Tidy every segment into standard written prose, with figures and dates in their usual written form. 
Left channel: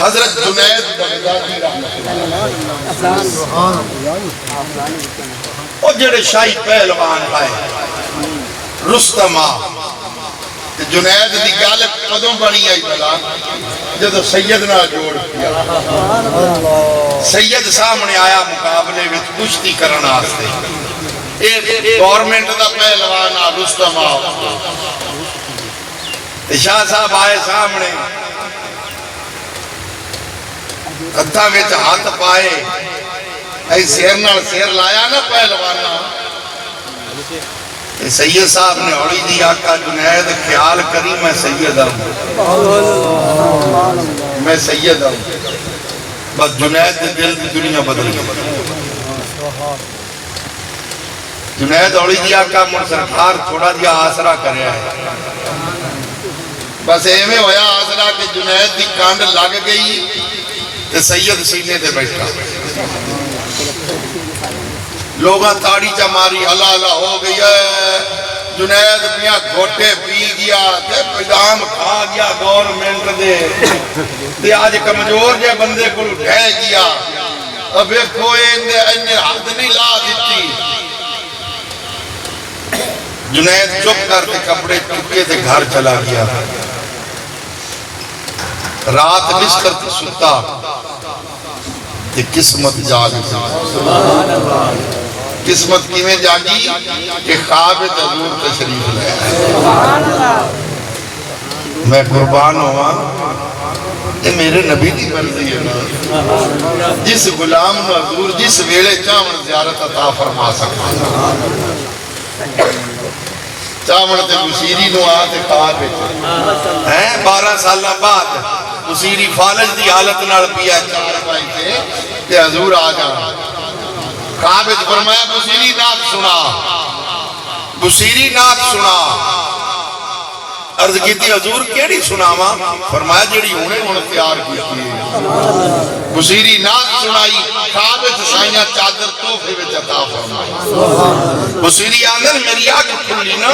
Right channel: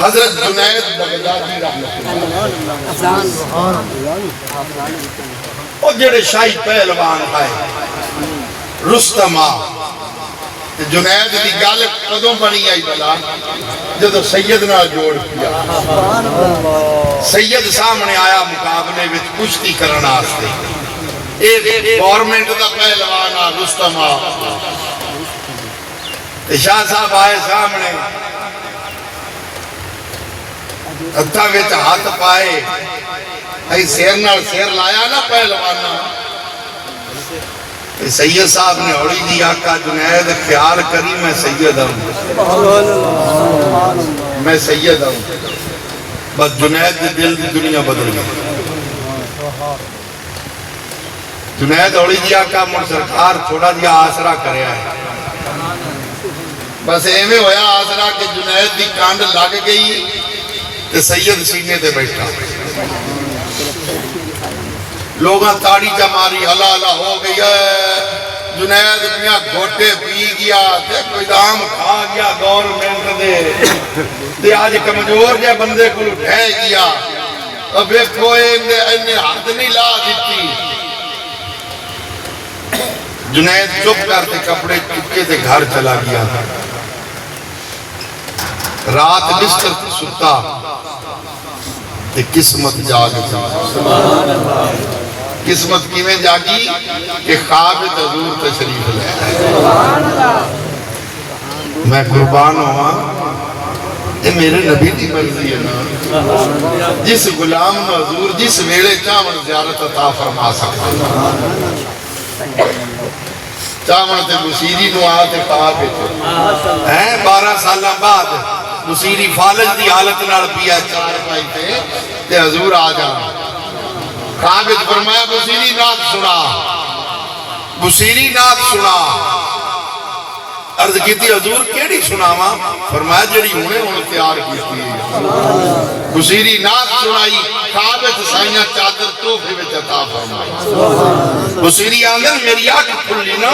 حضرت جنید بغدادی رحمۃ اللہ اور جڑے شاہی پہلوان آئے رستم جنید دی گل کدوں بنی آئی بلا جدو سید نال جوڑ کیا سید سامنے آیا مقابلے وچ کشتی کرن واسطے گورنمنٹ دا پہلوان رستم شاہ صاحب آئے سامنے ہتھاں وچ ہاتھ پائے اے سیر نال سیر لایا نا پہلوانا سید صاحب نے ہوڑی دی آقا جنید خیال کری میں سید آؤں میں سید آؤں بس جنید کے دل کی دنیا بدل گئی جنید ہوڑی دی آقا من سرکار تھوڑا دیا آسرا کریا ہے بس ایویں ہویا آسرا کہ جنید دی کانڈ لگ گئی تے سید سینے تے بیٹھا لوگاں تاڑی جا ماری ہلا ہلا ہو گئی ہے جنید میاں گھوٹے پی گیا تے پیدام کھا گیا گورنمنٹ دے آج کمزور جے بندے کو اٹھے گیا اب ایک کوئی انہیں حد نہیں لا دیتی جنید چپ کرتے کپڑے چکے تے گھر چلا گیا رات بستر تے ستا تے قسمت جاگ قسمت کیویں جاگی کہ خواب حضور تشریف لے میں قربان ہوا یہ میرے نبی کی مرضی ہے نا جس غلام نو حضور جس ویلے چاہن زیارت عطا فرما سکتا چاہن تے مسیری نو آتے خواب ہے 12 سالہ بعد مسیری فالج دی حالت نال پیا چار پائی تے حضور آ جانا خوابت فرمایا بصیری نات سنا بصیری نات سنا عرض کیتی حضور کیڑی سناواں فرمایا جڑی ہونے تیار کی بصیری نات سنائی خوابت سائیاں چادر توفے وچ عطا فرمائی بصیری آندر میری آنکھ کھلی نا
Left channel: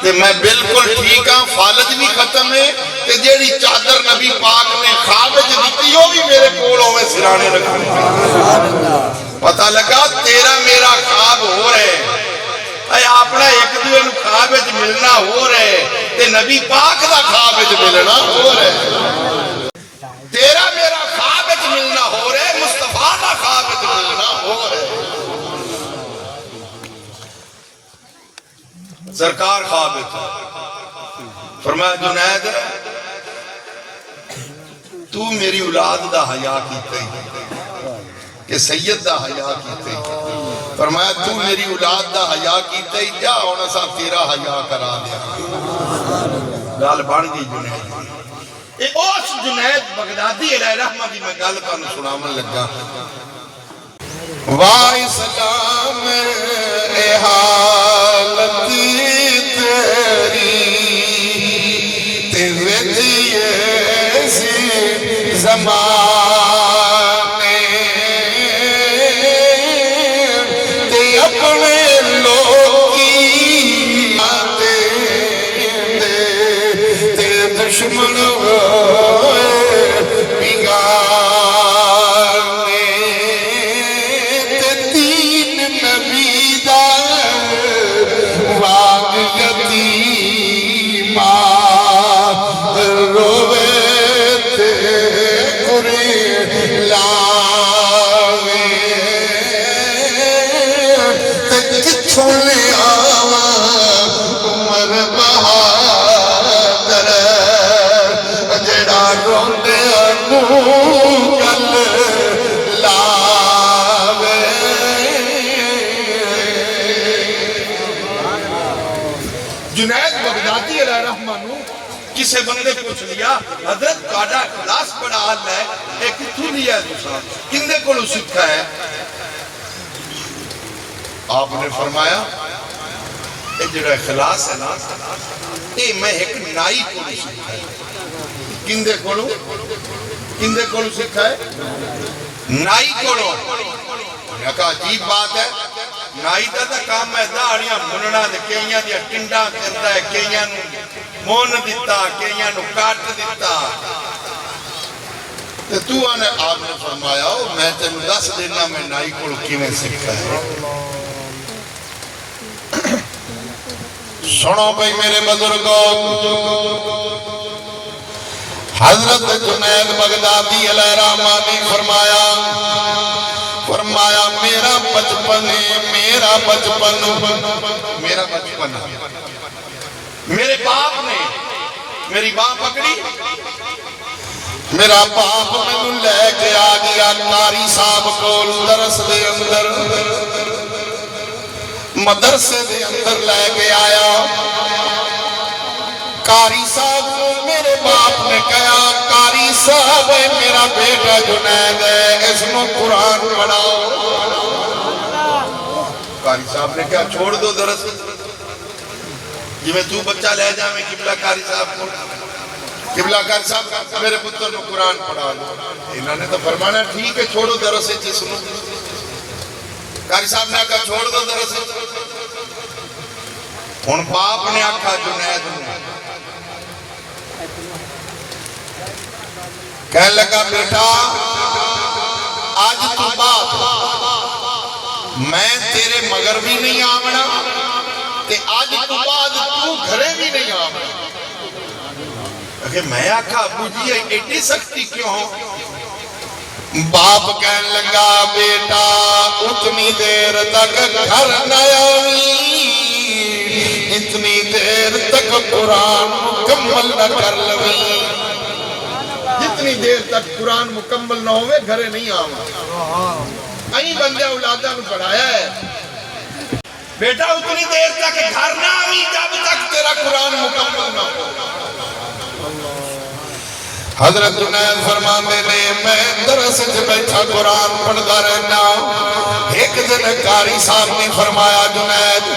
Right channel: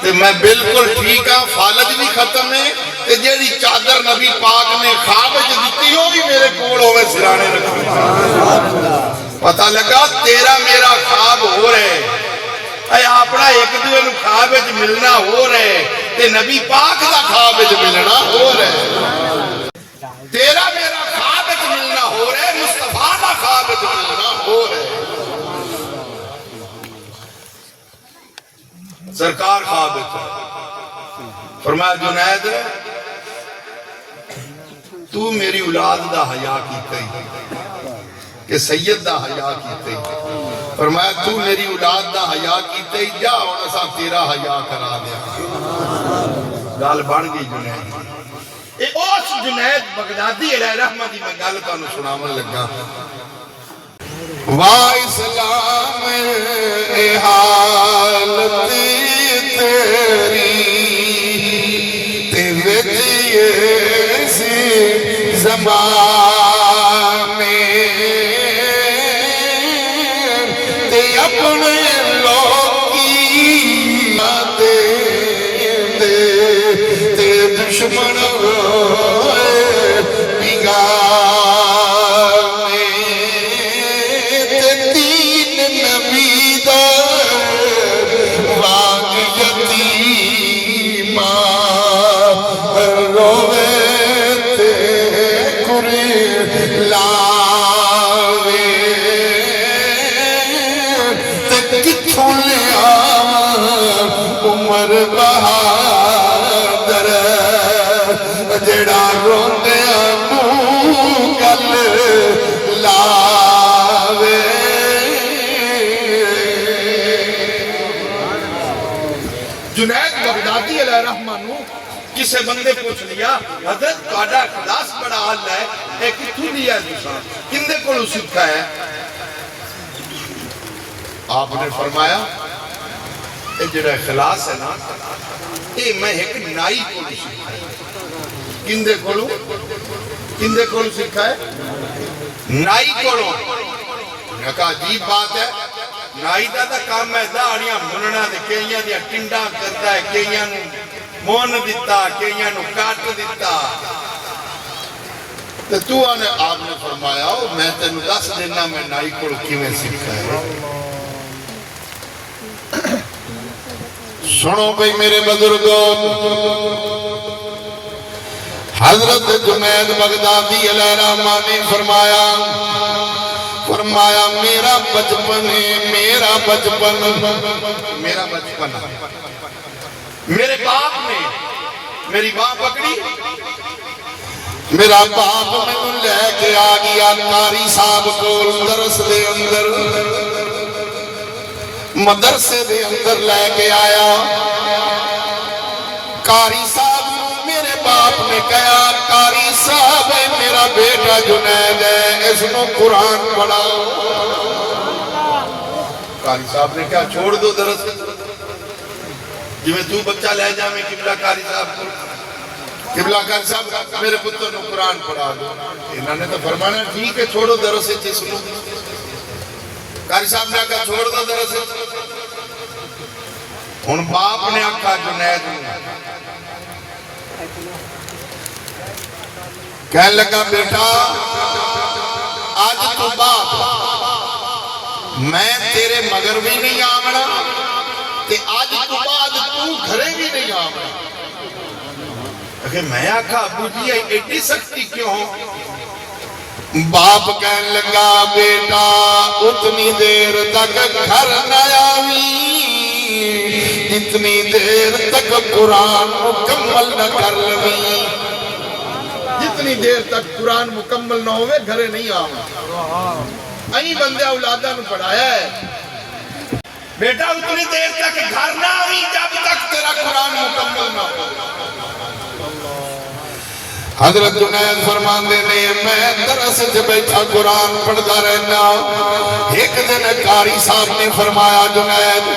تے میں بالکل ٹھیک ہاں فالج بھی ختم ہے تے جیڑی چادر نبی پاک نے خوابت دیتی ہوگی میرے کول ہوئے سرانے رکھنے پتہ لگا تیرا میرا خواب ہو رہے اے اپنا ایک دوے نو خواب وچ ملنا ہو رہے تے نبی پاک دا خواب وچ ملنا ہو رہے تیرا میرا خواب وچ ملنا ہو رہے مصطفیٰ دا خواب وچ ملنا ہو رہے سرکار خواب وچ فرمایا جنید تو میری اولاد دا حیا کیتے کہ سید دا حیا کیتے فرمایا تو میری اولاد دا حیا کیتے جا ہونا سا تیرا حیا کرا دیا گال بڑھ گئی جنید اے اوس جنید بغدادی علیہ رحمہ دی میں گال تو سنامن لگا واہ اسلام اے حالت تیری تے وجیے سی زمان اپنے لوگی تے دشمن بگانے تے دین نبی دا واد یتیما روے تے کری لاوے عمر بہادر جڑا روندے نو گل لاوے جنید بغدادی علیہ رحمہ نو کسے بندے پوچھ لیا حضرت تہاڈا اخلاص بڑا حال ہے اے کتھوں دی ہے تساں کندے کولوں سکھا ہے آپ نے فرمایا اے جڑا اخلاص ہے نا اے میں ایک نائی کو نہیں سکھا ہے کندے کولوں سکھا ہے نائی کولوں میں کہا عجیب بات ہے نائی دا کام ہے داڑیاں مننا دے کئیاں دیا ٹنڈا کرتا ہے کئیاں نو مون دیتا کئیاں نو کاٹ دیتا تو تو آنے آپ نے فرمایا ہو میں تینوں دس دینا میں نائی کو کیویں سکھا ہے۔ سنو بھئی میرے بزرگوں، حضرت جنید بغدادی علیہ الرحمہ نے فرمایا میرا بچپن ہے، میرا بچپن میرے باپ نے میری ماں پکڑی، میرا باپ میں لے کے آ گیا قاری صاحب کول درس دے اندر، مدرسے دے اندر لے کے آیا۔ قاری صاحب میرے باپ نے کہا قاری صاحب میرا بیٹا جنید ہے اس میں قرآن پڑھاؤ۔ قاری صاحب نے کہا چھوڑ دو درس، جی میں تو بچہ لے جا میں قبلہ قاری صاحب کو، قبلہ قاری صاحب میرے پتر نے قرآن پڑھا دو۔ انہوں نے تو فرمانا ٹھیک ہے چھوڑو درس سے سنو۔ قاری صاحب نے کہا چھوڑ دو درس سے۔ ہن باپ نے آکھا جنید نے کہنے لگا بیٹا آج تو بعد میں تیرے مگر بھی نہیں آمنا تے آج تو بعد تو گھرے بھی نہیں آمنا۔ کہ میں آکھا ابو جی ایڈی سختی کیوں ہو؟ باپ کہنے لگا بیٹا اتنی دیر تک گھر نہ آویں اتنی دیر تک قرآن مکمل نہ کر لویں، جتنی دیر تک قرآن مکمل نہ ہوئے گھرے نہیں آؤں۔ این بندے اولادہ نو پڑھایا ہے بیٹا اتنی دیر تک گھر نہ آویں جب تک تیرا قرآن مکمل نہ ہو۔ حضرت جنید فرمان دینے میں درس سے بیٹھا قرآن پڑھتا رہنا۔ ایک دن قاری صاحب نے فرمایا جنید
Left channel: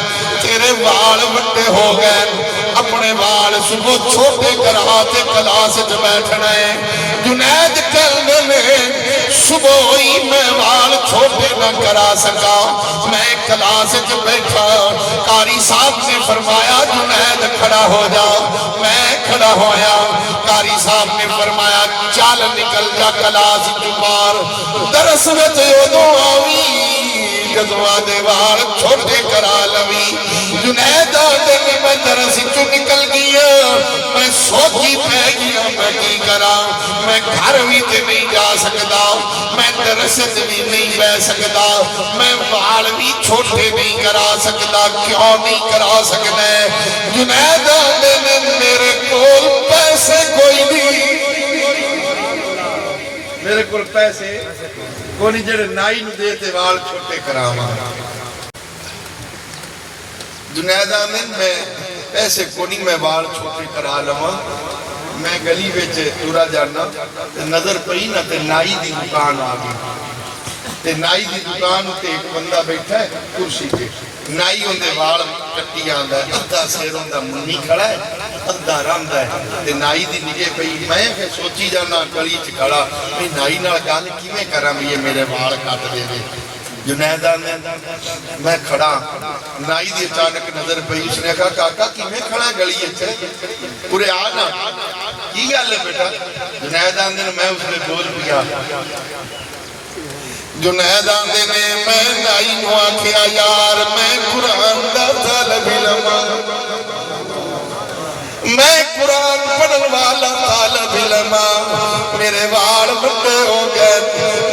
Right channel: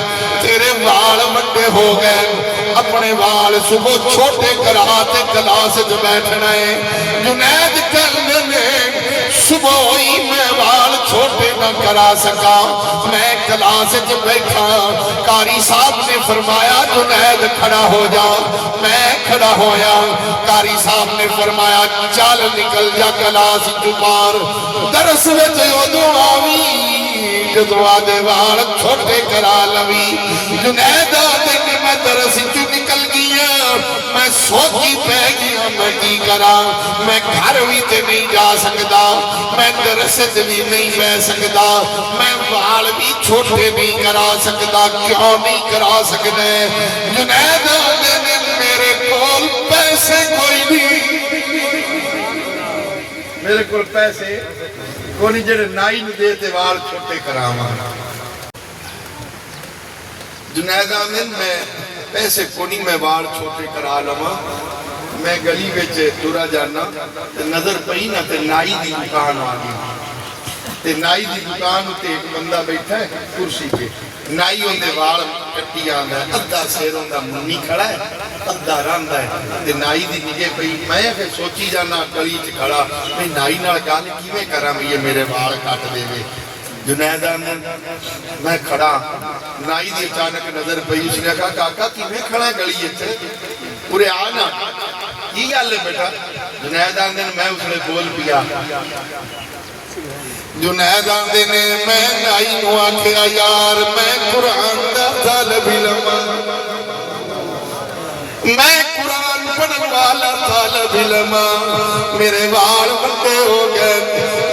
تیرے وال وڈے ہو گئے، اپنے وال صبح چھوٹے کرا تے کلاس سے بیٹھنا ہے۔ جنید کہنے میں صبح ہی میں وال چھوٹے نہ کرا سکا، میں کلاس سے بیٹھا۔ قاری صاحب نے فرمایا جنید کھڑا ہو جا، میں کھڑا ہویا۔ قاری صاحب نے فرمایا چال نکل جا کلاس چپار، درس وچ ادو آویں جدو آدھے وال چھوٹے کرا لوی۔ جنید آدھے کہ میں درس چو نکل گیا، میں سوچی پہ گیا میں کی کرا، میں گھر بھی تے نہیں جا سکتا، میں درس تے بھی نہیں بہ سکتا، میں وال بھی چھوٹے نہیں کرا سکتا، کیوں نہیں کرا سکتا؟ جنید آدھے نے میرے کول پیسے کوئی نہیں، میرے کول پیسے کوئی جڑے نائی نو دیتے وال چھوٹے کراما۔ جنید آمین میں پیسے کوئی میں وال چھوٹے کرا لما، میں گلی وچ تورا جانا نظر پئی نہ تے نائی دی دکان آ گئی، تے نائی دی دکان ہوتے ایک بندہ بیٹھا ہے کرسی پہ، نائی ہوندے وال کٹی آندا ہے، ادھا سیر ہوندا منی کھڑا ہے، ادھا راندا ہے، تے نائی دی نگے پئی میں پھر سوچی جانا گلی چ کھڑا میں نائی نال گل کیویں کراں بھی یہ میرے وال کٹ دے وے۔ جنید آنے میں کھڑا، نائی دی اچانک نظر پئی، اس نے کہا کاکا کیویں کھڑا ہے گلی اچھے پورے آنا کی گل ہے بیٹا؟ جنید آنے میں اس نے بول پیا، جنید آنے میں نائی نو آکھیا یار میں قرآن دا طالب علم، میں قرآن پڑھن والا طالب علم، میرے وال بڑے ہو گئے،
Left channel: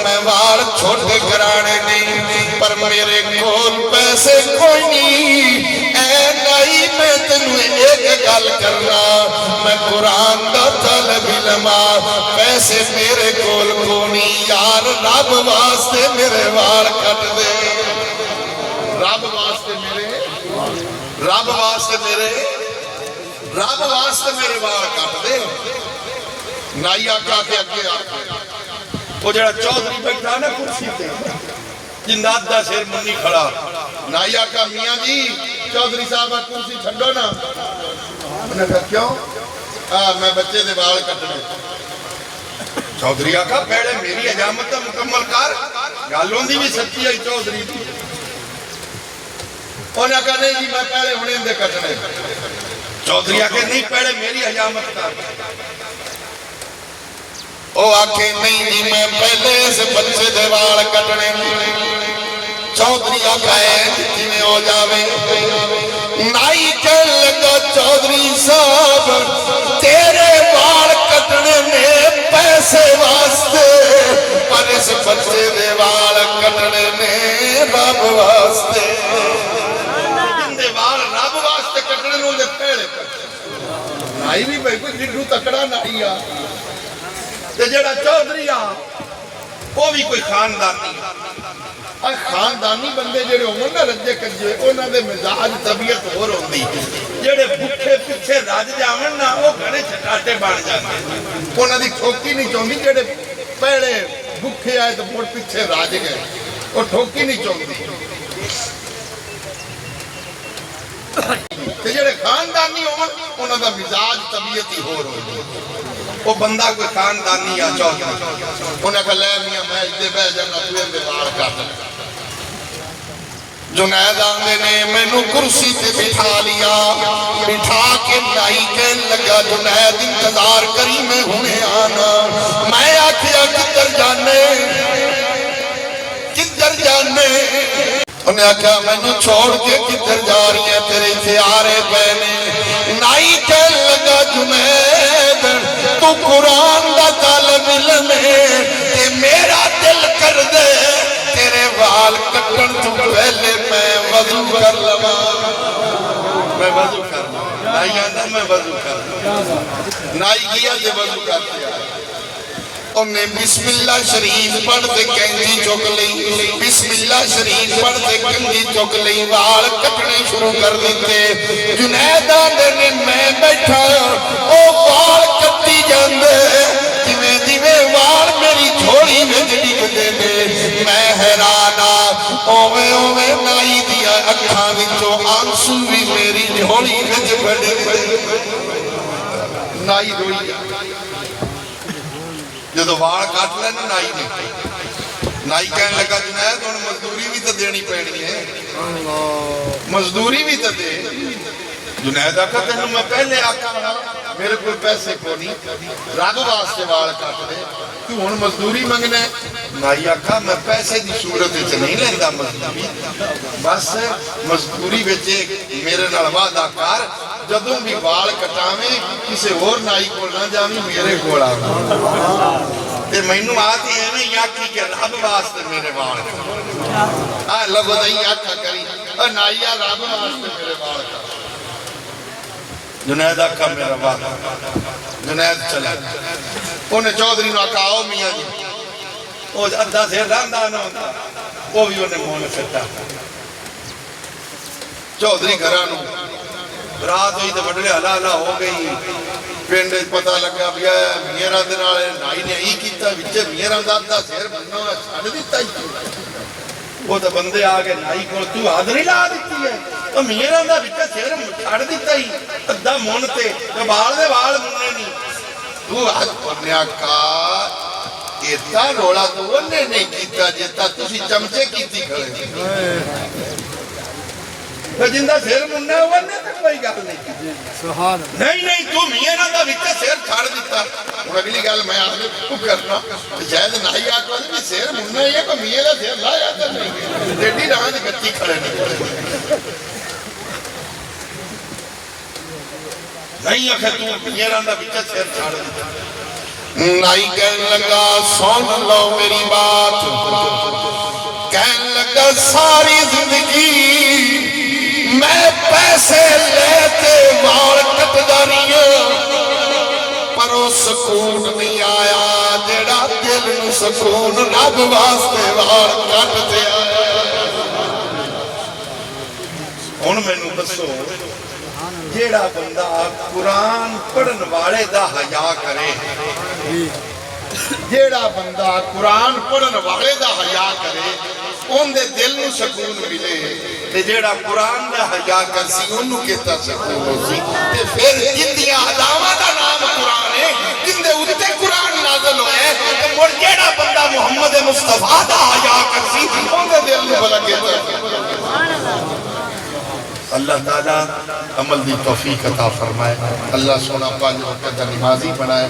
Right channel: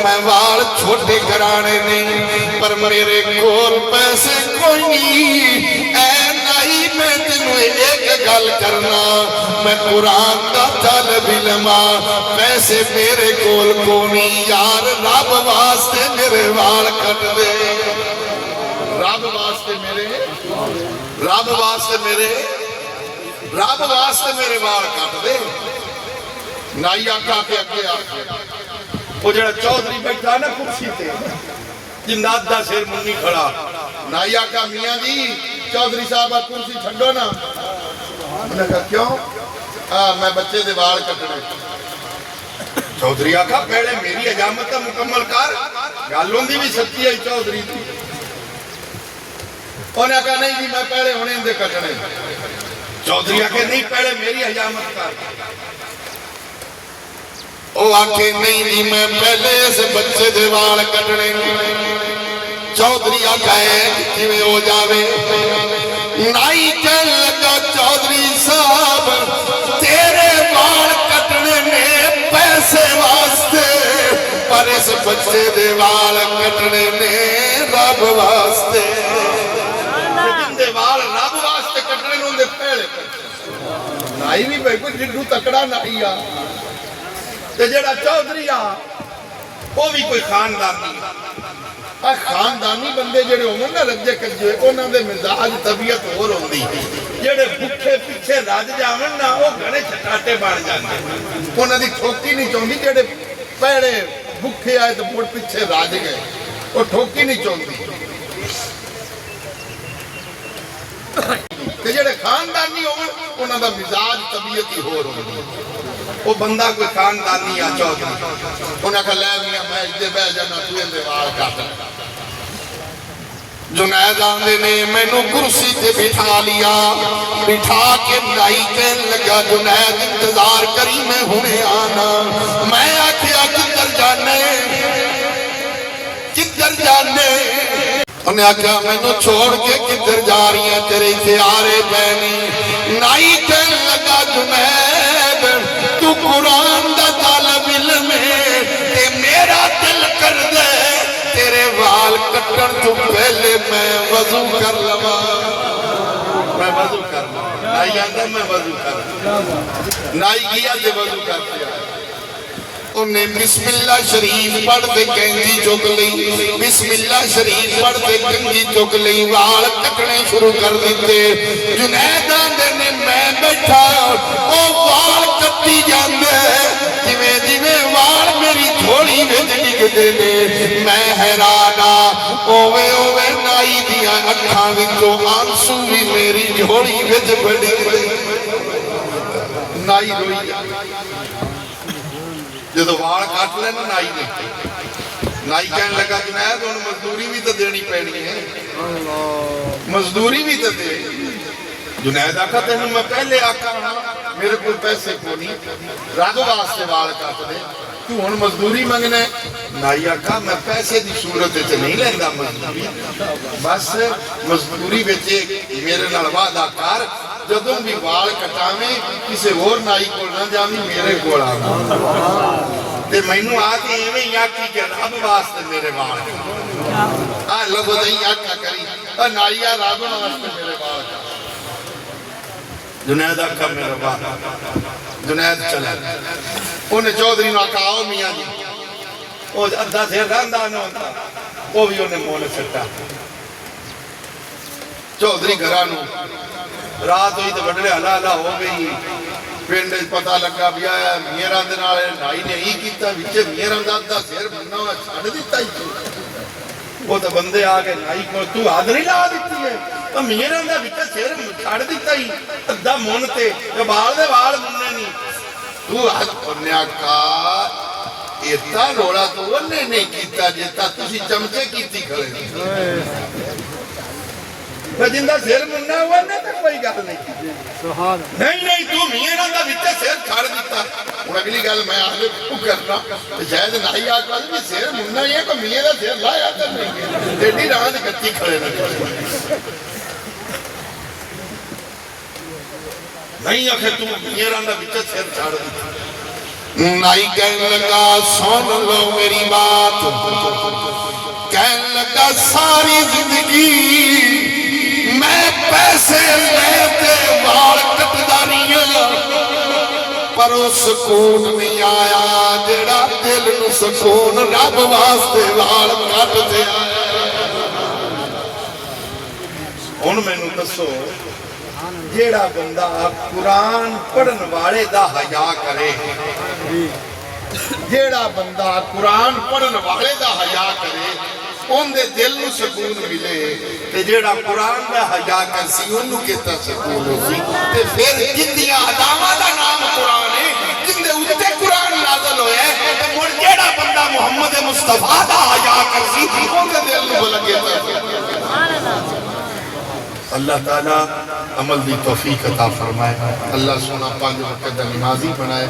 میں وال چھوٹے کرانے نہیں، پر میرے کول پیسے کوئی نہیں، اے نائی میں تنوں ایک گل کرنا، میں قرآن دا طالب علم، پیسے میرے کول کوئی یار رب واسطے میرے وال کٹ دے، رب واسطے وال کٹ دے۔ نائی آقا کے اگے آقا وہ جڑا چودھری بیٹھا نا کرسی تے جنات دا سیر منی کھڑا، نائی آقا میاں جی چودھری صاحب کرسی چھڑو نا، انہوں نے کہا کیوں؟ میں بچے دے وال کٹنے۔ چودھری آقا پہلے میری حجامت تا مکمل کر، گالوں دی بھی سچی ہے چودھری دی۔ انہوں نے کہا نہیں جی میں پہلے ہونے دے کٹنے۔ چودھری آقا نہیں پہلے میری حجامت کر۔ وہ آکھے نہیں جی میں پہلے سے بچے دے وال کٹنے چودھری آکھے جی ہو جاوے نائی کہن لگا چودھری صاحب تیرے وال کٹنے میں پیسے واسطے پر اس بچے دے وال کٹنے میں رب واسطے جن دے وال رب واسطے کٹنے ان دے پہلے کٹنے نائی بھی بھائی کوئی جنڈو تکڑا نائی آ تے جڑا چودھری آ وہ بھی کوئی خاندانی خاندانی بندے جڑے عمر نہ رجے کجے انہاں دے مزاج طبیعت اور ہوندی جڑے بھکھے پیچھے رج جاون نا او گھنے چھٹاٹے بن جاندے انہاں دی ٹھوکی نہیں چوندی جڑے پہلے بھکھے آئے تے مڑ پیچھے رج گئے او ٹھوکی نہیں چوندی تے جڑے خاندانی ہون انہاں دا مزاج طبیعت ہی ہور ہوندی وہ بندہ کوئی خاندانی آ چودھری انہاں کہا لے میاں میں ادھے بہ جانا تو اندے وال کٹ جنید آندے نے میں نو کرسی تے بٹھا لیا بٹھا کے نائی کہن لگا جنید انتظار کری میں ہونے آنا میں آکھیا کدھر جانے انہیں آکھا میں نے چھوڑ کے کدھر جا رہی ہیں تیرے اتیارے بہنے نائی کہن لگا جنید تو قرآن دا طالب علم ہے تے میرا دل کر دے تیرے وال کٹن تو پہلے میں وضو کر لما میں وضو کر لما نائی کہتا میں وضو کر لما نائی کیا تے وضو کرتے آئے انہیں بسم اللہ شریف پڑھ دے کنجی چک لئی بسم اللہ شریف پڑھ دے کنجی چک لئی وال کٹنے شروع کر دیتے جنید آندے نے میں بیٹھا او وال کٹی جاندے جویں جویں وال میری جھوڑی میں ڈگ دے دے میں حیرانا اوے اوے نائی دیا اکھاں وچوں آنسو بھی میری جھوڑی وچ بڑھ گئے نائی روئی جدو وال کٹ لینا نائی نے نائی کہنے لگا جنید انہوں مزدوری بھی تو دینی پڑنی ہے مزدوری بھی تو دے جنید آکھا تینوں میں پہلے آکھا رہا میرے کوئی پیسے کو نہیں رب واسطے وال کٹ دے تو ہن مزدوری منگنا ہے نائی آکھا میں پیسے دی صورت وچ نہیں لیندا مزدوری بس مزدوری وچ میرے نال وعدہ کر جدوں بھی وال کٹاویں کسے اور نائی کول نہ جاویں میرے کول آ تے مینوں آتے ایویں ہی آکھی کہ رب واسطے میرے وال ہاں لوگوں دے آکھا کری نائی آ رب واسطے میرے وال جنید آکھا میرا وال جنید چلا انہیں چودھری نو آکھا آؤ میاں جی وہ ادھا سے رندہ نہ ہوتا وہ بھی انہیں مونہ سکتا چودھری گھرانو رات ہوئی تو بڑھڑے حلالہ ہو گئی پینڈے پتہ لگا بھی آیا میرا دنالے نائی نے ہی کیتا وچے میرا دادا سیر بننا ہویا چھاڑ دیتا ہی وہ تو بندے آگے نائی کو تو حاضری لا دیتی ہے تو میرا دا وچے سیر چھاڑ دیتا ہی ادھا مونتے تو بال دے بال مننے نہیں تو حد پڑھنے آکا اتنا روڑا تو انہیں نہیں کیتا جتا تُسی چمچے کیتی کھڑے جندہ سیر مننا ہوا نے تک کوئی گل نہیں نہیں تو میرا دا وچے سیر چھاڑ دیتا ان اگلی گل میں آگے کو کرنا شاید نائی آکا بھی سیر مننا ہی ہے تو میرا سیر لایا تر نہیں ڈیڈی رہا دی کچی کھڑے نہیں آکھے تو میرا دا وچے سیر چھاڑ دیتا نائی کہنے لگا سن لو میری بات کہنے لگا ساری زندگی میں پیسے لیتے وال کٹداریاں پر وہ سکون نہیں آیا جڑا دل نو سکون رب واسطے وال کٹتے آیا ان میں نو دسو جیڑا بندہ قرآن پڑھن والے دا حیا کرے جیڑا بندہ قرآن پڑھن والے دا حیا کرے ان دے دل نو سکون ملے تے جیڑا قرآن دا حیا کرسی انہوں کہتا سکون ہو سی تے پھر جندیاں عداوہ دا نام قرآن ہے جندے اتے قرآن نازل ہوئے تے مر جیڑا بندہ محمد مصطفیٰ دا حیا کرسی ان دے دل نو بلا کہتا سکون اللہ تعالیٰ عمل دی توفیق عطا فرمائے اللہ سونا پانچ وقت دا نمازی بنائے